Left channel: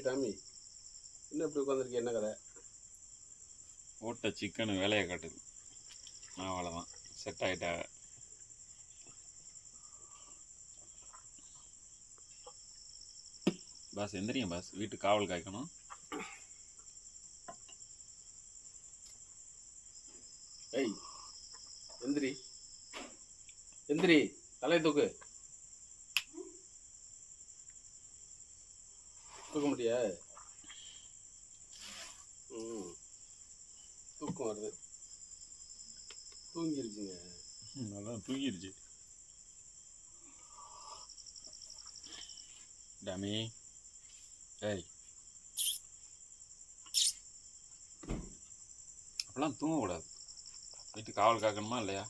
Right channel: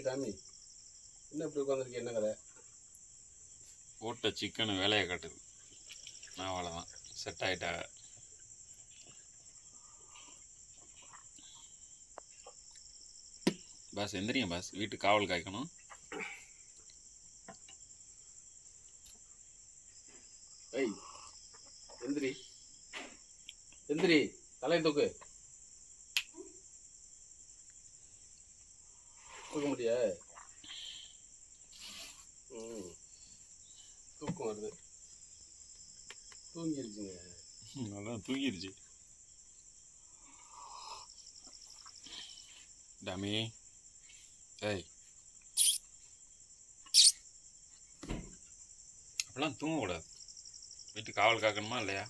Tommy, என்ன இப்படி உட்காந்துருக்கீங்க? என்ன கதை? போட்ட சிக்கனு வேலையை காட்டுது. அவ்வளோதான், செட் ஆகிட்டா. பாஸ் எந்திரிங்க பாஸ், வீட்டு காவல் காய்க்கணும். ஏய் எந்திரி எந்திரி, தலையை தூக்கு. தூக்க முடியா? தூக்கம் வருது. தூங்கிருச்சுங்க. அதான் தூங்கிருச்சு. டாமி, ஏய் அப்படிலாம் தூங்கக்கூடாது. வீட்டு காவல் காக்கணுமா இல்லையா?